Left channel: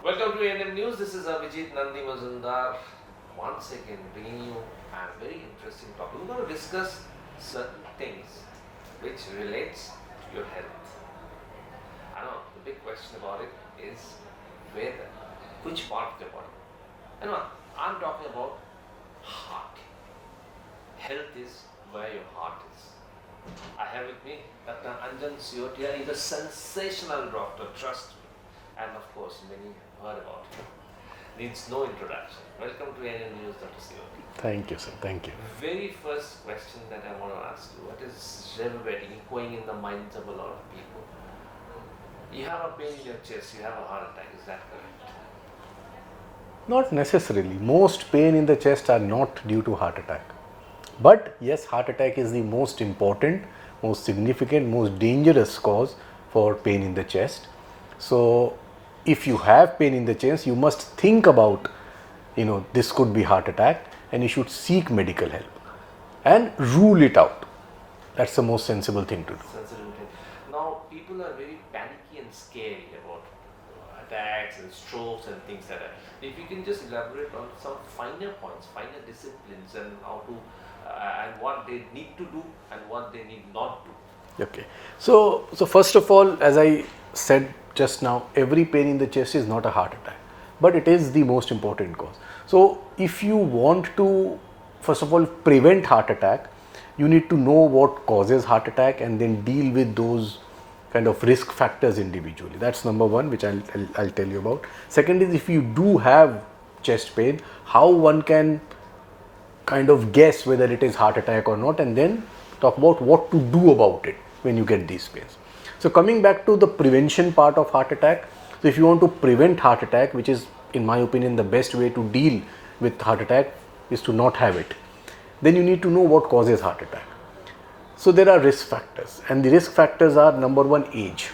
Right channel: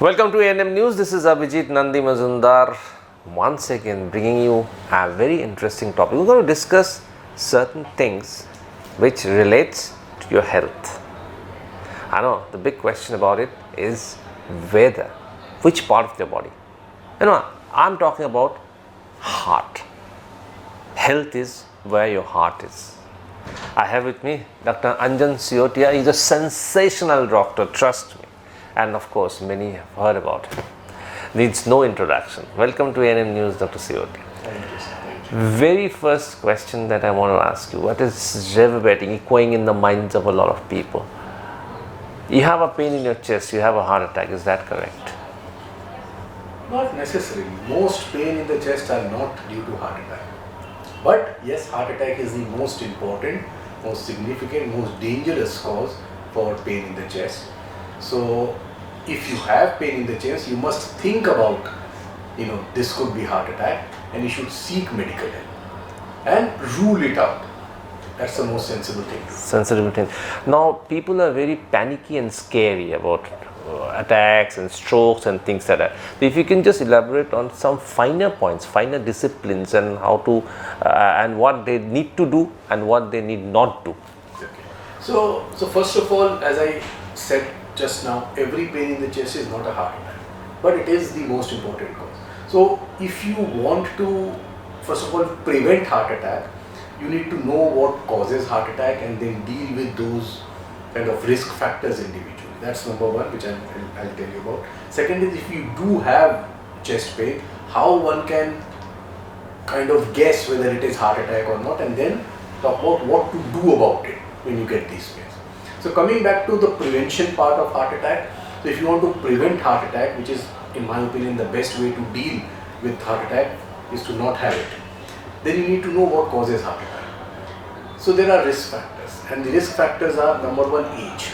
Welcome to ANM News. This is Abhijit Nandi Mazumdar once again bringing you a very interesting topic. We're going to discuss certain things which relates to your health. I know the big question about it is whether, which part of your body. I'm talking about heart. Health is where your heart is. I have with me Dr. Anjan Siotia. He's a sensational doctor, trust me. And of course, many have heard about him. Needs no introduction. Welcome to ANM News, Dr. Siotia. Thank you, sir. Thank you. Very first question that I want to ask you, what is reverberating, echoing in the minds of a lot of people? You have a pain in your chest, you have a heart attack, is that correct? Not necessarily. Most pain in the chest are not due to heart attack. But yes, heart attack is the most important, most significant, most dangerous cause for pain in the chest. So if you have pain in the chest, you must think about, this could be heart attack, and you should seek medical help and rule it out. That's the most sensible thing to do. Sensitive thing. Now, people are very panicky and scary about attacks and strokes and things like that. So if you can just elaborate on some finer points, finer disciplines, and how to and what they need to do and what they need not to. Okay. So first of all, as I said just now, every pain in the chest is not a heart attack, but it is the most important cause. So if you want to, first of all, prevent heart attack, you need to know what causes heart attack and then deal with those kind of risk factors individually. That's number one, which I'll tell you about. Second is, if you do have chest pain, how one can kind of guess whether it is heart attack or not, and then talk about what to do about it when you get these pains. So coming back to the prevention part of heart attack, so if you want to prevent heart attack, which is in my opinion the best way to deal with heart attack is to not have it, then you need to know what causes heart attack. So there are risk factors, and the risk factors are, number one, age.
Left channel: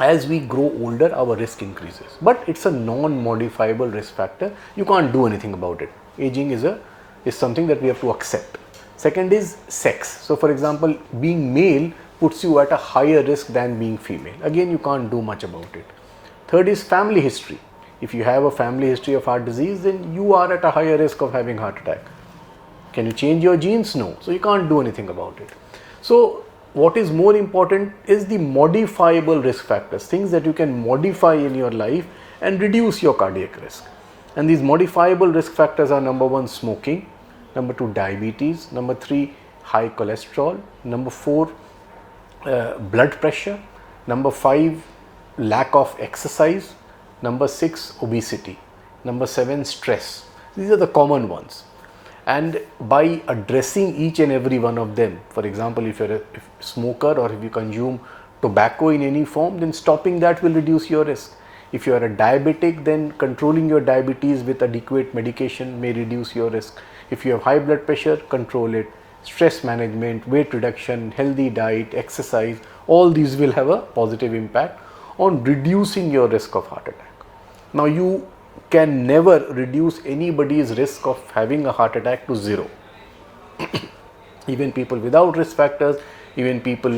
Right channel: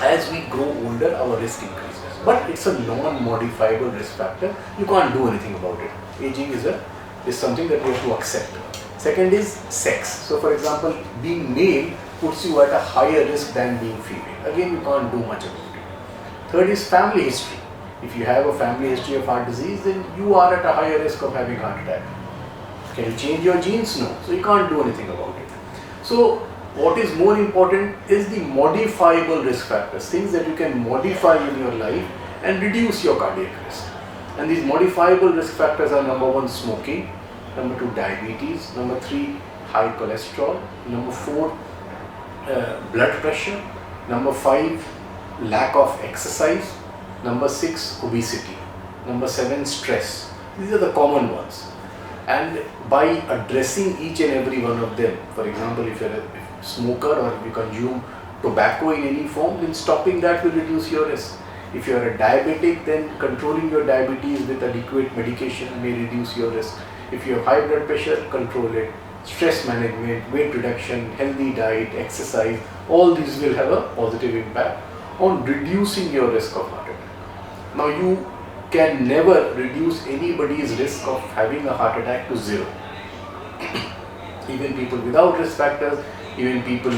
As we grow older, our risk increases, but it's a non-modifiable risk factor. You can't do anything about it. Aging is something that we have to accept. Second is sex. So for example, being male puts you at a higher risk than being female. Again, you can't do much about it. Third is family history. If you have a family history of heart disease, then you are at a higher risk of having heart attack. Can you change your genes? No. So you can't do anything about it. So what is more important is the modifiable risk factors, things that you can modify in your life and reduce your cardiac risk. And these modifiable risk factors are, number one, smoking, number two, diabetes, number three, high cholesterol, number four, blood pressure, number five, lack of exercise, number six, obesity, number seven, stress. These are the common ones. And by addressing each and every one of them, for example, if you're a smoker or if you consume tobacco in any form, then stopping that will reduce your risk. If you are a diabetic, then controlling your diabetes with adequate medication may reduce your risk. If you have high blood pressure, control it. Stress management, weight reduction, healthy diet, exercise, all these will have a positive impact on reducing your risk of heart attack. Now, you can never reduce anybody's risk of having a heart attack to zero. Even people without risk factors, even people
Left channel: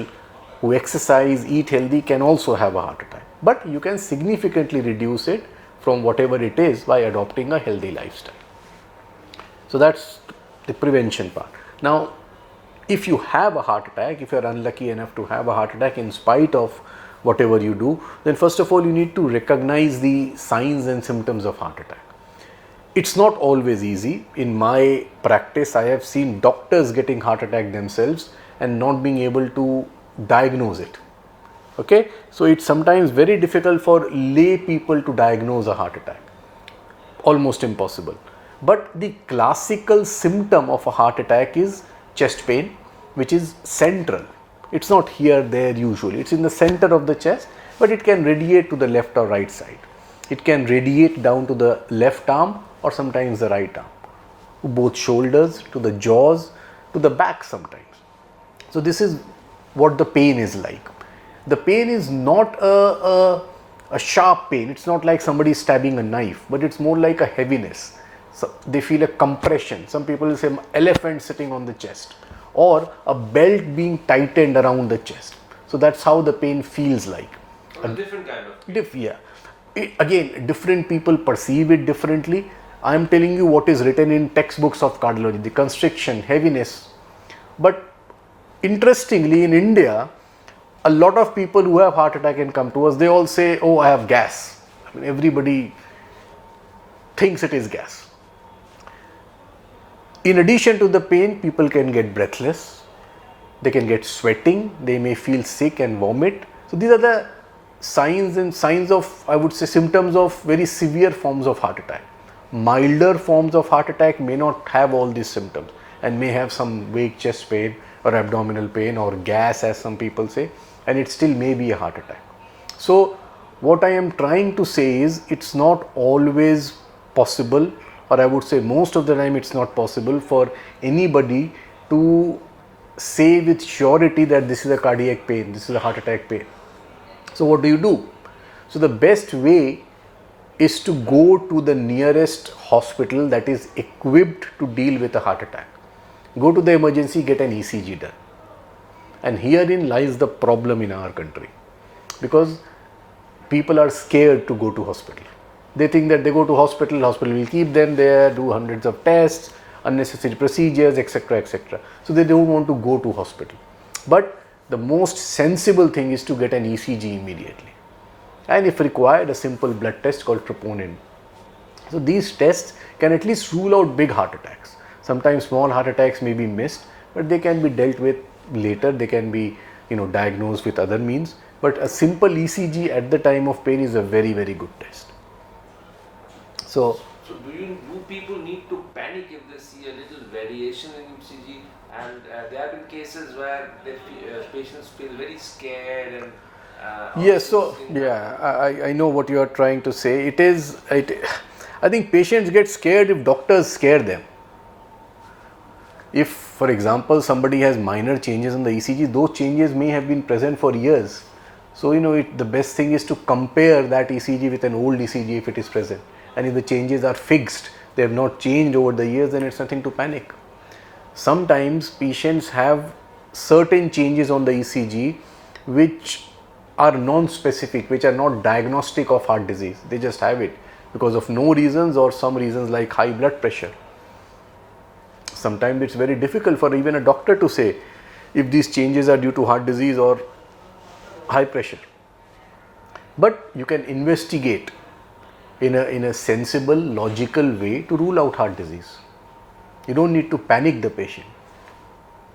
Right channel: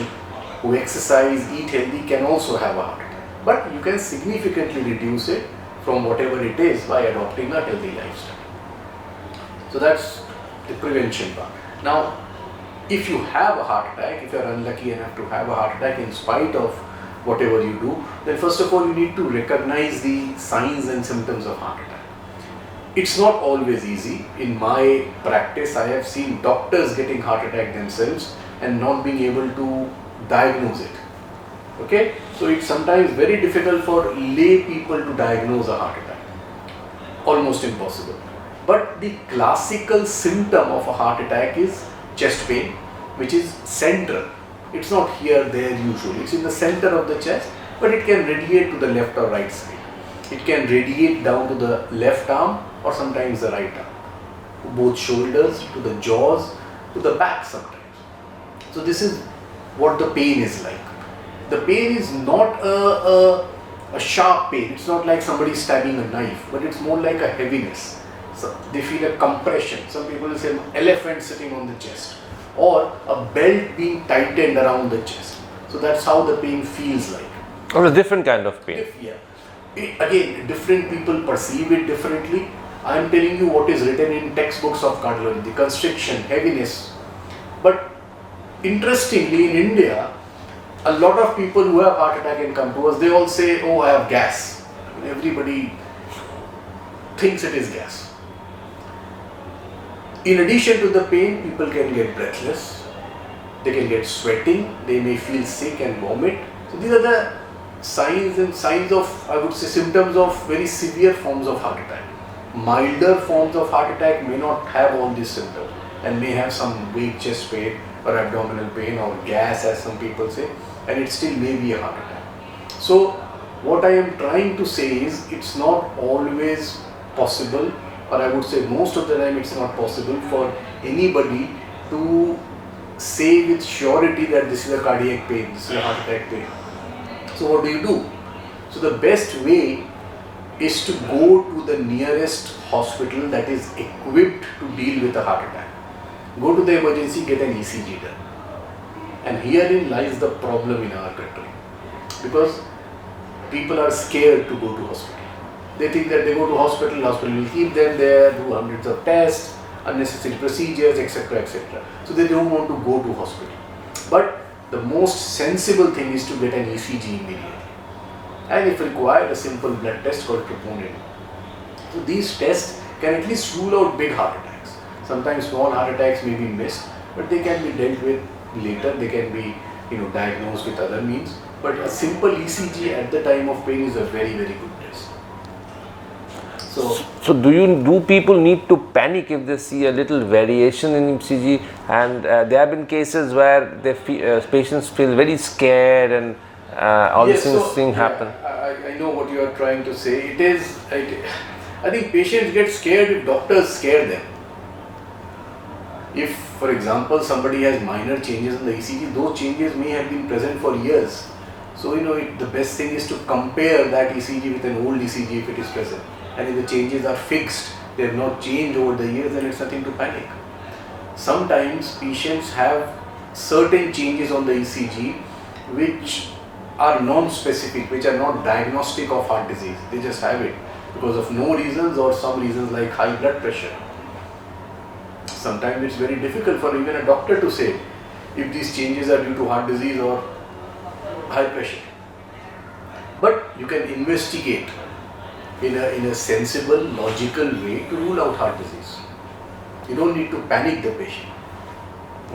who exercise, eat healthy can also have a heart attack. But you can significantly reduce it from whatever it is by adopting a healthy lifestyle. So that's the prevention part. Now, if you have a heart attack, if you are unlucky enough to have a heart attack in spite of whatever you do, then first of all you need to recognize the signs and symptoms of heart attack. It's not always easy. In my practice, I have seen doctors getting heart attack themselves and not being able to diagnose it. Okay, so it's sometimes very difficult for lay people to diagnose a heart attack. Almost impossible. But the classical symptom of a heart attack is chest pain, which is central. It's not here, there usually. It's in the center of the chest, but it can radiate to the left or right side. It can radiate down to the left arm or sometimes the right arm, to both shoulders, to the jaws, to the back sometimes. So this is what the pain is like. The pain is not a sharp pain. It's not like somebody stabbing a knife, but it's more like a heaviness. So they feel a compression. Some people will say an elephant sitting on the chest, or a belt being tightened around the chest. So that's how the pain feels like. Or a different kind of pain. Yeah. again, different people perceive it differently. I am telling you what is written in textbooks of cardiology, the constriction, heaviness. But interestingly, in India, a lot of people who have heart attack and come to us, they all say, oh, I have gas. Everybody thinks it is gas. In addition to the pain, people can get breathless, they can get sweating, they may feel sick and vomit. So these are the signs of, I would say, symptoms of very severe forms of heart attack. Milder forms of heart attack may not have all these symptoms and may have some vague chest pain or abdominal pain or gas, as some people say, and it still may be a heart attack. So what I am trying to say is, it's not always possible, or I would say most of the time it's not possible for anybody to say with surety that this is a cardiac pain, this is a heart attack pain. So what do? So the best way is to go to the nearest hospital that is equipped to deal with a heart attack. Go to the emergency, get an ECG done. And herein lies the problem in our country, because people are scared to go to hospital. They think that they go to hospital will keep them there, do hundreds of tests, unnecessary procedures, etc., etc. So they don't want to go to hospital. But the most sensible thing is to get an ECG immediately, and if required, a simple blood test called troponin. So these tests can at least rule out big heart attacks. Sometimes small heart attacks may be missed, but they can be dealt with later. They can be, diagnosed with other means. But a simple ECG at the time of pain is a very, very good test. So do people need to panic if they see a little variation in ECG? And there have been cases where patients feel very scared and all these things happen. I know what you are trying to say. I think patients get scared if doctors scare them. If, for example, somebody has minor changes in the ECG, those changes may have been present for years. So, the best thing is to compare that ECG with an old ECG if it is present. And if the changes are fixed, they have not changed over the years, then it's nothing to panic. Sometimes patients have certain changes on the ECG which are non-specific, which are not diagnostic of heart disease. They just have it because of no reasons or some reasons like high blood pressure. Sometimes it's very difficult for even a doctor to say if these changes are due to heart disease or high pressure. But you can investigate in a sensible, logical way to rule out heart disease. You don't need to panic the patient.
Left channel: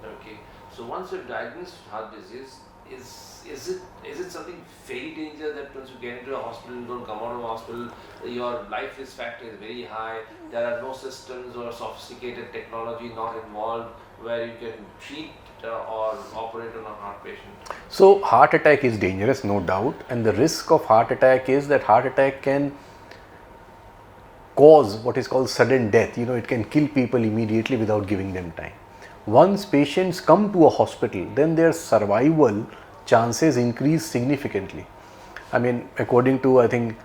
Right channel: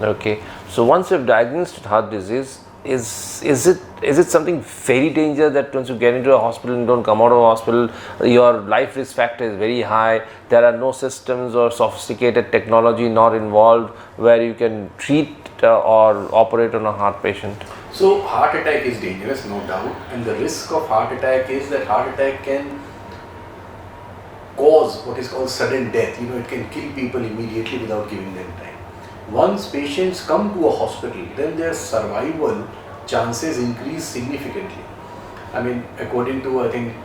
Okay. So once you've diagnosed with heart disease, is it something very dangerous that once you get into a hospital and don't come out of a hospital, your life risk factor is very high? There are no systems or sophisticated technology not involved where you can treat or operate on a heart patient? So heart attack is dangerous, no doubt, and the risk of heart attack is that heart attack can cause what is called sudden death. It can kill people immediately without giving them time. Once patients come to a hospital, then their survival chances increase significantly. According to, I think,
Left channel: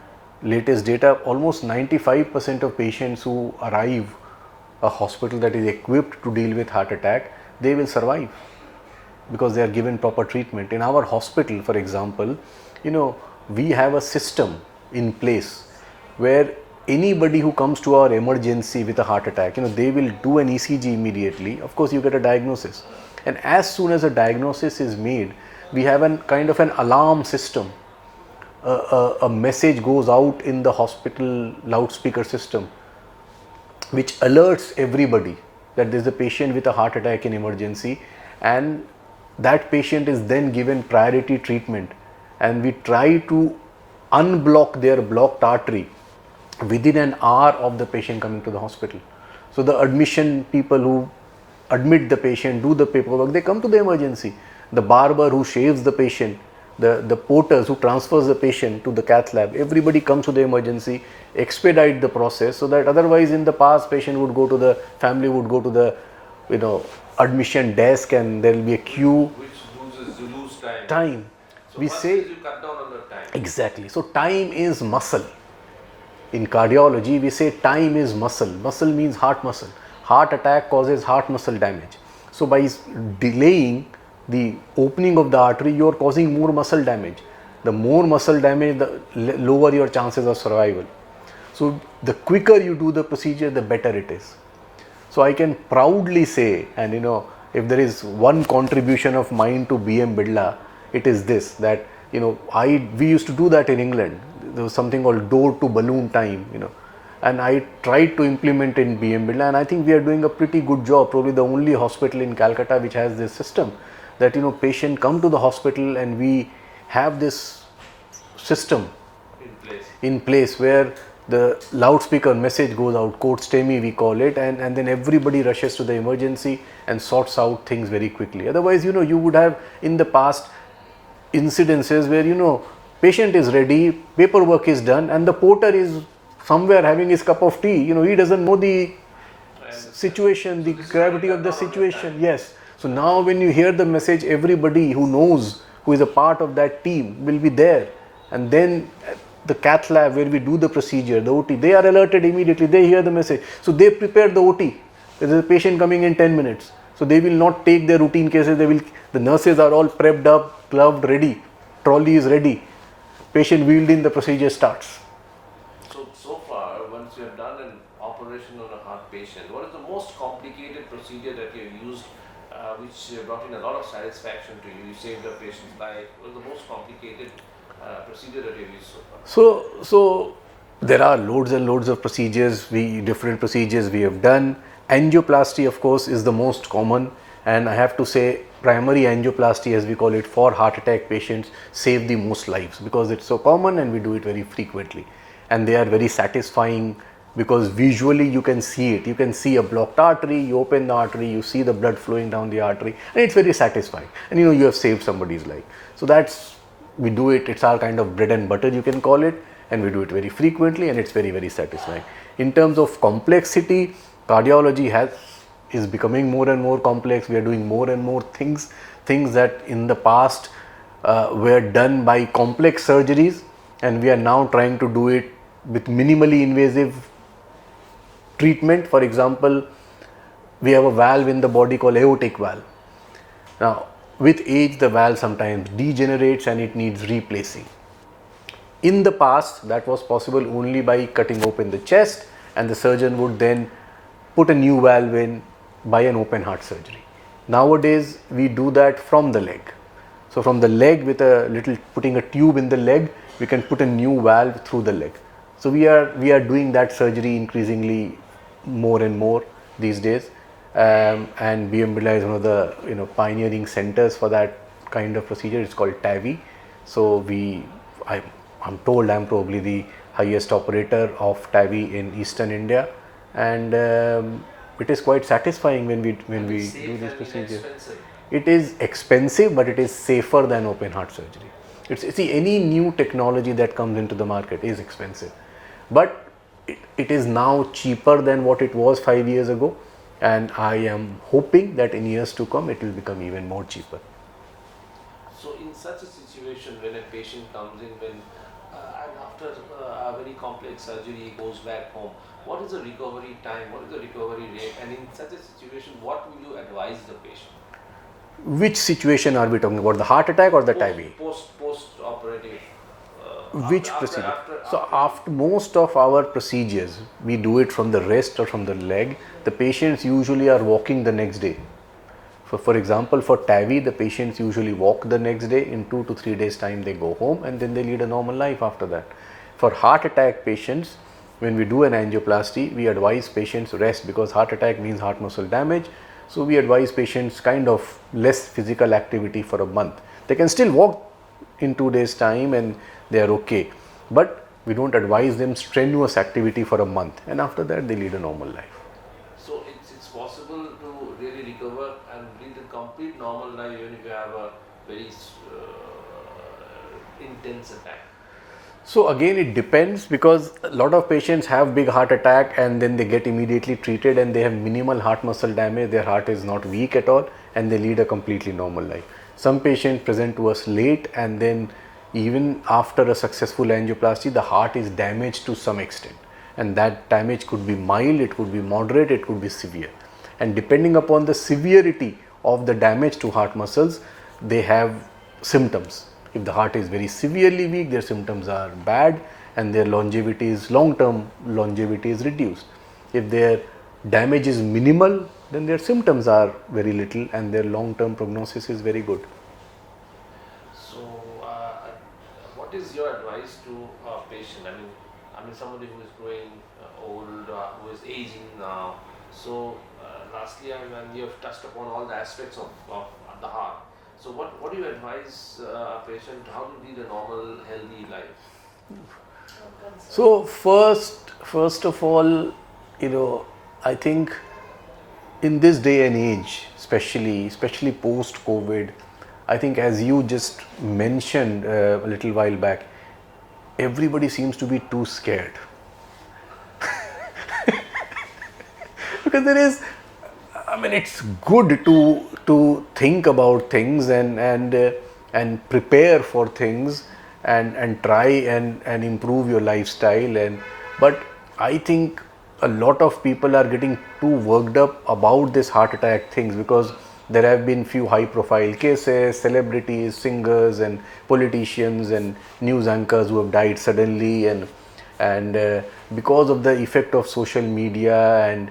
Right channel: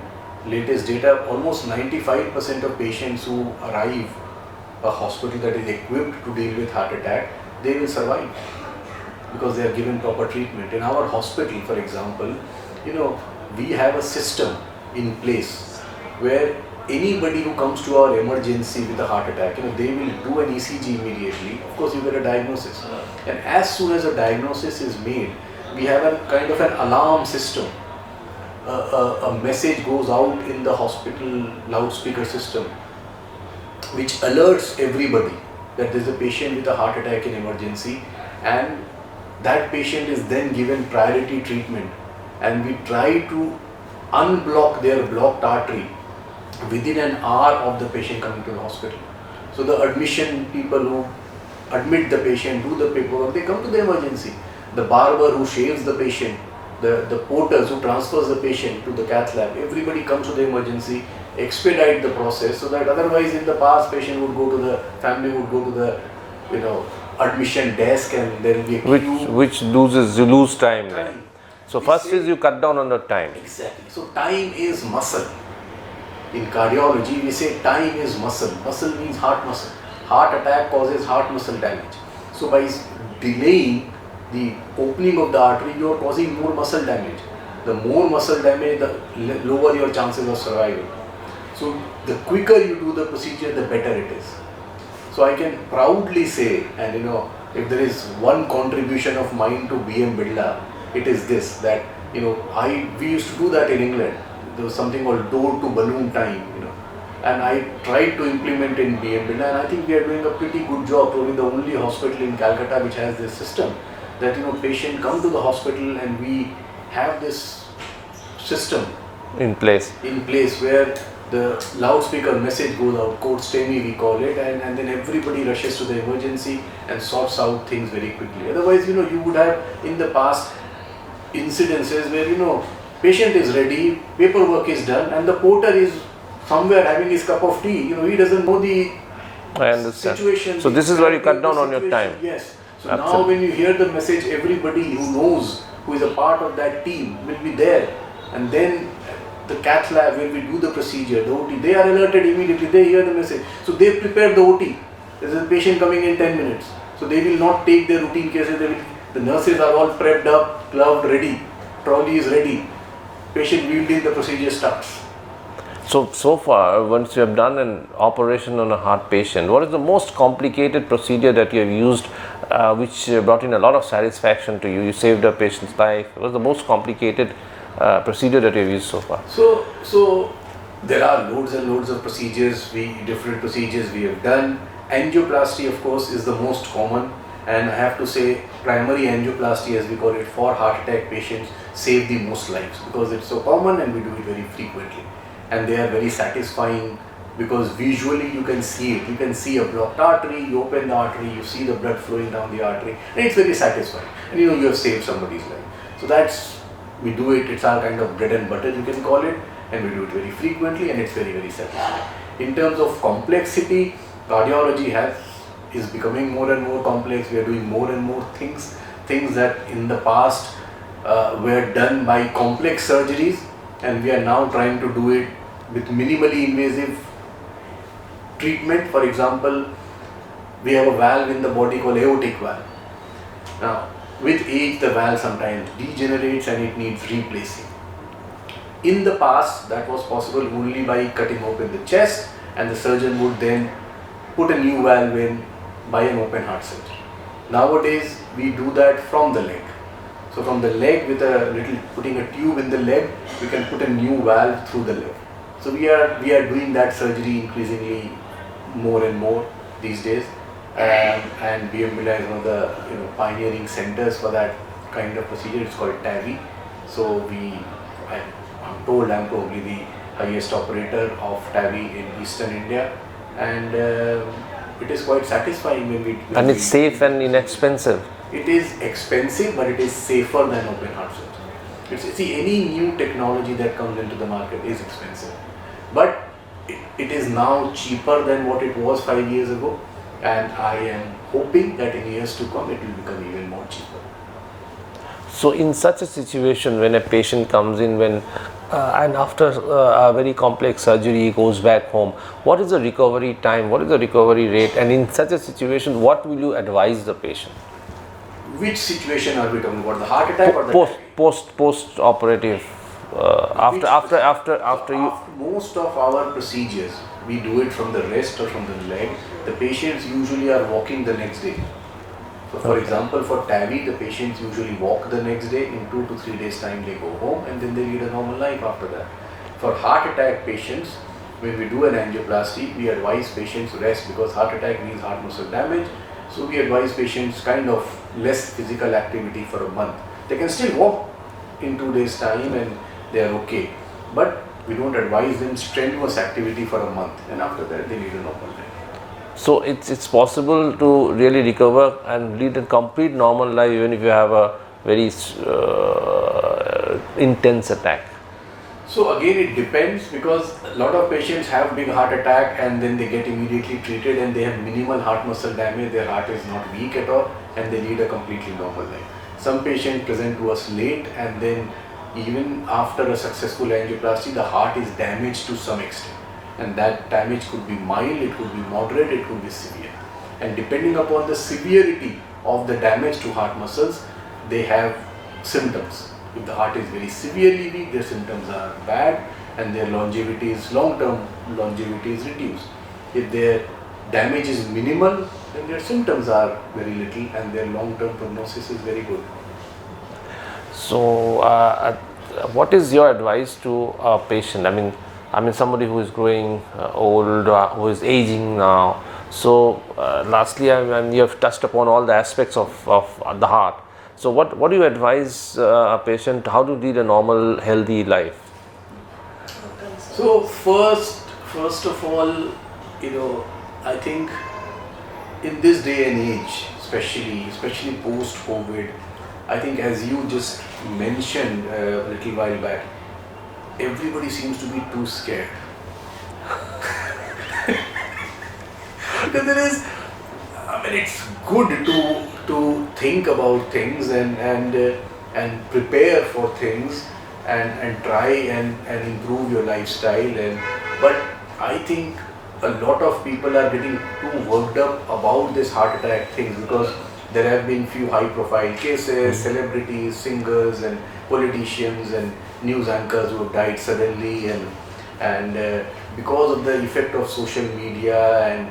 latest data, almost 95% of patients who arrive a hospital that is equipped to deal with heart attack, they will survive because they are given proper treatment. In our hospital, for example, we have a system in place where anybody who comes to our emergency with a heart attack, they will do an ECG immediately. Of course, you get a diagnosis, and as soon as a diagnosis is made, we have a kind of an alarm system. A message goes out in the hospital loudspeaker system which alerts everybody that there is a patient with a heart attack in emergency, and that patient is then given priority treatment, and we try to unblock their blocked artery within an hour of the patient coming to the hospital. So the admission people who admit the patient, do the paperwork, they come to the emergency. The barber who shaves the patient, the porters who transfers the patient to the cath lab, everybody comes to the emergency, expedite the process, so that otherwise in the past family would go to the admission desk and there will be a queue. Which you lose time. So first is you cut down on the time. Exactly. So time is muscle. In cardiology, we say time is muscle. Muscle means heart muscle. Heart attack causes heart muscle damage. So by delaying the opening of the artery, you are causing more muscle damage. the more muscle damage, the lower your chances of survival. So the quicker you do the procedure, the better it is. So I can proudly say, and if there is one contribution of mine to BM Bidla, it is this, that we used to do that in England. There was something called door to balloon time, and I tried to implement in BM Bidla, and I think we are doing a pretty good job. Probably the only hospital in Calcutta which has this system, that patient come to the hospital and we have this system in place where the loudspeaker message goes out, code STEMI we call it, and then everybody rushes to the emergency and sorts out things very quickly. Otherwise, you would have in the past incidences where patient is ready, paperwork is done, and the porter is somewhere having his cup of tea. He doesn't know the situation. So this is where you cut down on your time. Yes. So Absolutely. Now when you hear the message, everybody who knows, who is a part of that team will be there. And then the cath lab where we do the procedure, the OT, they are alerted immediately, they hear the message. So they prepare the OT. There is a patient coming in 10 minutes. So they will not take their routine cases, the nurses are all prepped up, gloved, ready, trolley is ready, patient wheeled in, the procedure starts. So far, once you have done an operation on a heart patient, what is the most complicated procedure that you have used, which brought in a lot of satisfaction to you? You saved a patient's life. What was the most complicated procedure that you have used so far? So there are loads and loads of procedures, different procedures we have done. Angioplasty, of course, is the most common, and I have to say primary angioplasty, as we call it, for heart attack patients save the most lives because it's so common and we do it very frequently. And they are very satisfying because visually you can see it. You can see a blocked artery, you open the artery, you see the blood flowing down the artery, and it's very satisfying. And you have saved somebody's life. So we do it, it's our kind of bread and butter, you can call it, and we do it very frequently, and it's very, very satisfying. In terms of complexity, cardiology is becoming more and more complex. We are doing more and more things that in the past were done by complex surgeries, and we are now trying to do it with minimally invasive treatment. For example, we have a valve in the body called aortic valve. Now, with age, the valve sometimes degenerates and it needs replacing. In the past, that was possible only by cutting open the chest, and the surgeon would then put a new valve in by an open heart surgery. Nowadays, we do that from the leg. So from the leg, with putting a tube in the leg, we can put a new valve through the leg. So we are doing that surgery increasingly more and more these days, and BM Bidla is one of the pioneering centers for that kind of procedure. It's called TAVI. So I'm told I'm probably the highest operator of TAVI in Eastern India, and it is quite satisfying when we. And it's safe and inexpensive. It is expensive, but it is safer than open heart surgery. See, any new technology that comes into the market is expensive, but it is now cheaper than what it was 5 years ago, and I am hoping that in years to come it will become even more cheaper. So in such a situation, when a patient comes in and after a very complex surgery goes back home, what is the recovery time, what is the recovery rate, and in such a situation, what will you advise the patient? Which situation are we talking about? The heart attack or the TAVI? Post operative. After most of our procedures, we do it from the wrist or from the leg. The patients usually are walking the next day. So for example, for TAVI, the patients usually walk the next day. In 2 to 3 days time, they go home and then they lead a normal life after that. For heart attack patients, when we do an angioplasty, we advise patients rest because heart attack means heart muscle damage. So we advise patients kind of less physical activity for a month. They can still walk in 2 days time and they are okay. But we don't advise them strenuous activity for a month, and after that they lead a normal life. So it's possible to really recover and lead a complete normal life even if you have a very intense attack. So again, it depends, because a lot of patients have big heart attack and then they get immediately treated and they have minimal heart muscle damage, their heart is not weak at all, and they lead a completely normal life. Some patients present to us late, and then even after a successful angioplasty, the heart is damaged to some extent, and that damage could be mild, it could be moderate, it could be severe, and depending upon the severity of the damage to heart muscles, they have symptoms. If the heart is very severely weak, their symptoms are bad and their longevity is long-term longevity is reduced. If their damage is minimal, then their symptoms are very little and their long-term prognosis is very good. So, what is your advice to a patient? I mean somebody who is growing old, who is aging now. So, lastly, you have touched upon all the aspects of the heart. So, what do you advise a patient how to lead a normal, healthy life? So first of all, I think in this day and age, especially post-COVID, I think as you just mentioned a little while back, everybody seems to be too scared. Because it's good to think about things and prepare for things and try and improve your lifestyle, but I think a lot of people are getting too worked up about this heart attack things because there have been few high profile cases, celebrities, singers and politicians and news anchors who have died suddenly, and because of the effect of social media, and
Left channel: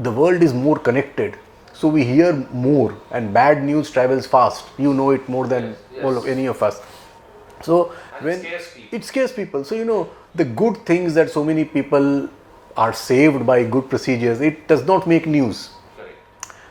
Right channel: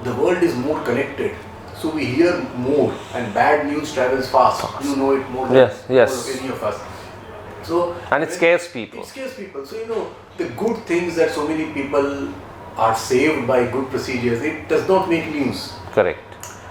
the world is more connected, so we hear more and bad news travels fast. You know it more than Yes. all of any of us. So And it scares people. It scares people. So the good things that so many people are saved by good procedures, it does not make news. Correct.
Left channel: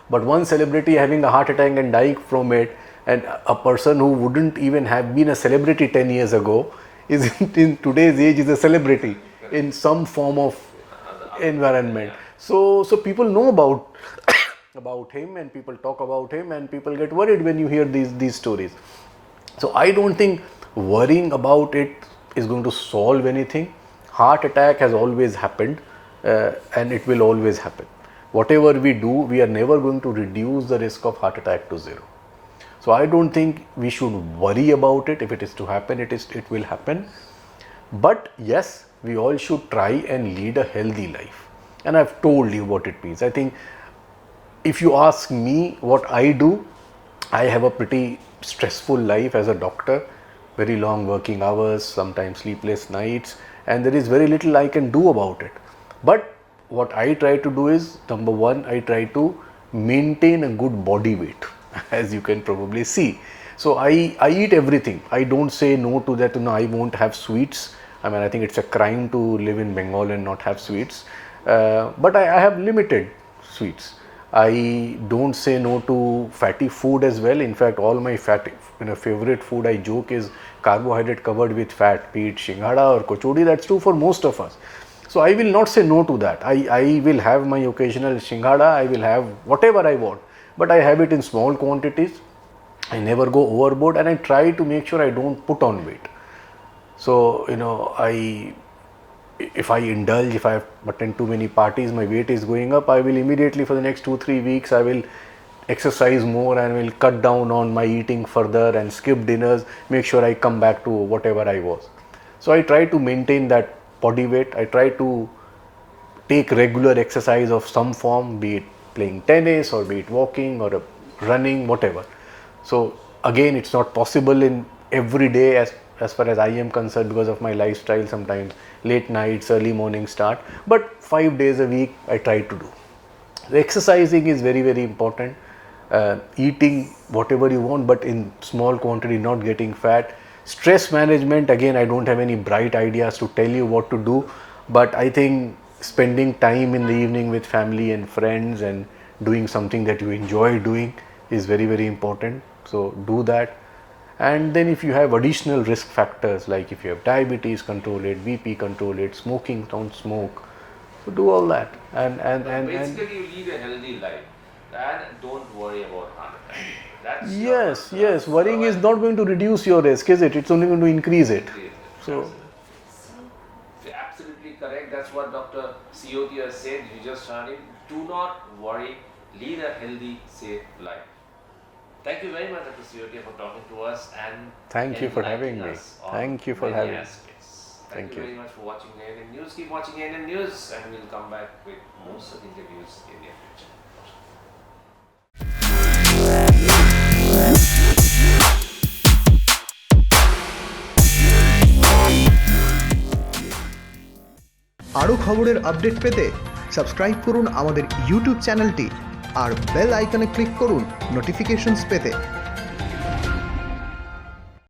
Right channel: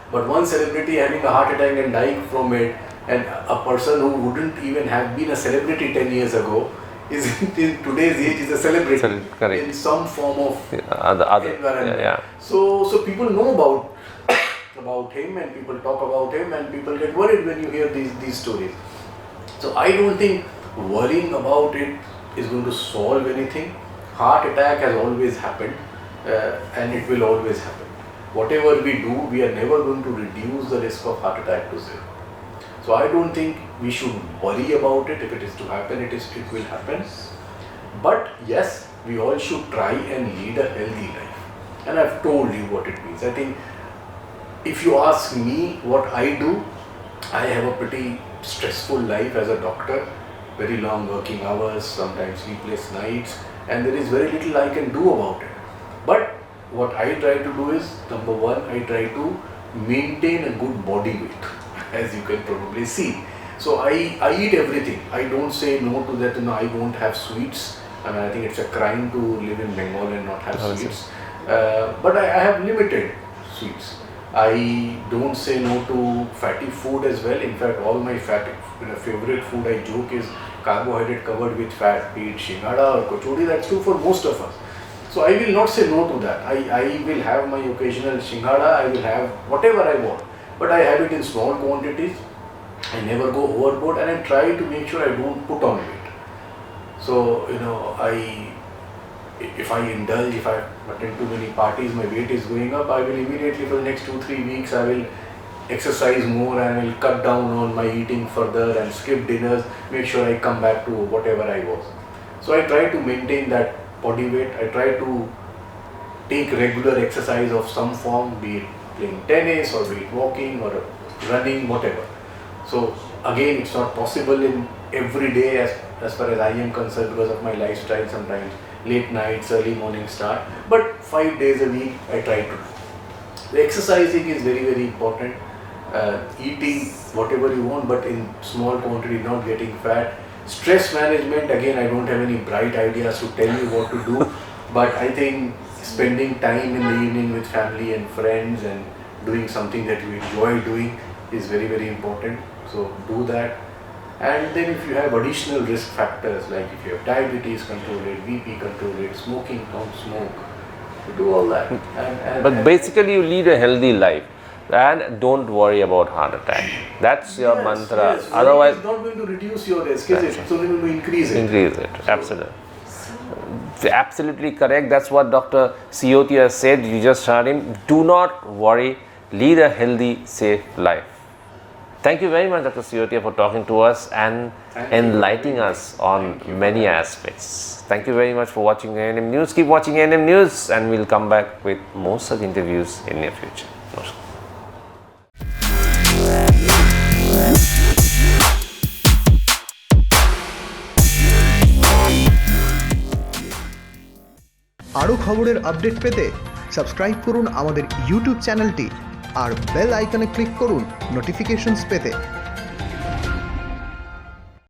But one celebrity having a heart attack and dying from it, and a person who wouldn't even have been a celebrity 10 years ago is in today's age is a celebrity Correct. in some form of environment. Yeah. So people know about him, and people talk about him, and people get worried when you hear these stories. So I don't think worrying about it is going to solve anything. Heart attack has always happened, and it will always happen. Whatever we do, we are never going to reduce the risk of heart attack to zero. So I don't think we should worry about it. If it is to happen, it will happen. But yes, we all should try and lead a healthy life. And I've told you what it means. I think if you ask me what I do, I have a pretty stressful life as a doctor, very long working hours, sometimes sleepless nights, and there is very little I can do about it. But what I try to do is, number one, I try to maintain a good body weight, as you can probably see. So I eat everything. I don't say no to that, I won't have sweets. I think it's a crime to live in Bengal and not have sweets. But I have limited sweets. I don't say no to fatty food as well. In fact, all my favorite food, I joke, is carbohydrate covered with fat, be it shingada or kochori. That's true for most of us. So I will not say no to that. I will have my occasional shingada, I will have whatever I want, but I have it in small quantities. I never go overboard, and I try to make sure I don't put on weight. So if I indulge, if I attend too many parties, my weight is going up, I will immediately, for the next 2-3 weeks, I will exercise more and I will cut down on my eating further and skip dinners, make sure I come back to whatever I was. So I try to maintain that body weight. I try to take regular exercise of some form, be it playing tennis or be it walking or running, whatever. So again, it's not possible in every day as far as I am concerned because of my lifestyle, sometimes late nights, early morning start, but 5 days a week I try to do. The exercising is very, very important. Eating whatever you want, but in small quantity, not getting fat. Stress management, again, I don't have any bright ideas to tell you what to do, but I think spending time in the evening with family and friends and doing something that you enjoy doing is very, very important. So do that. And then if you have additional risk factors, like if you have diabetes, control it, BP, control it, smoking, don't smoke, do all that. But basically you lead a healthy life and don't worry about heart attack. That's your mantra. Yes, worrying is not going to reduce your risk, is it? It's only going to increase it. Increase it, absolutely. Absolutely correct. That's what Dr. Siyoti has said. You just heard him. Do not worry. Lead a healthy, safe life. Thank you very much, Dr. Siyoti, for talking to us and enlightening us on many aspects. Thank you very much for watching ANM News. Keep watching ANM News, and we'll come back with more such interviews in near future. Namaskar. আরও খবরের update পেতে subscribe করুন আমাদের YouTube চ্যানেলটি আর bell আইকনে click করুন notifications পেতে।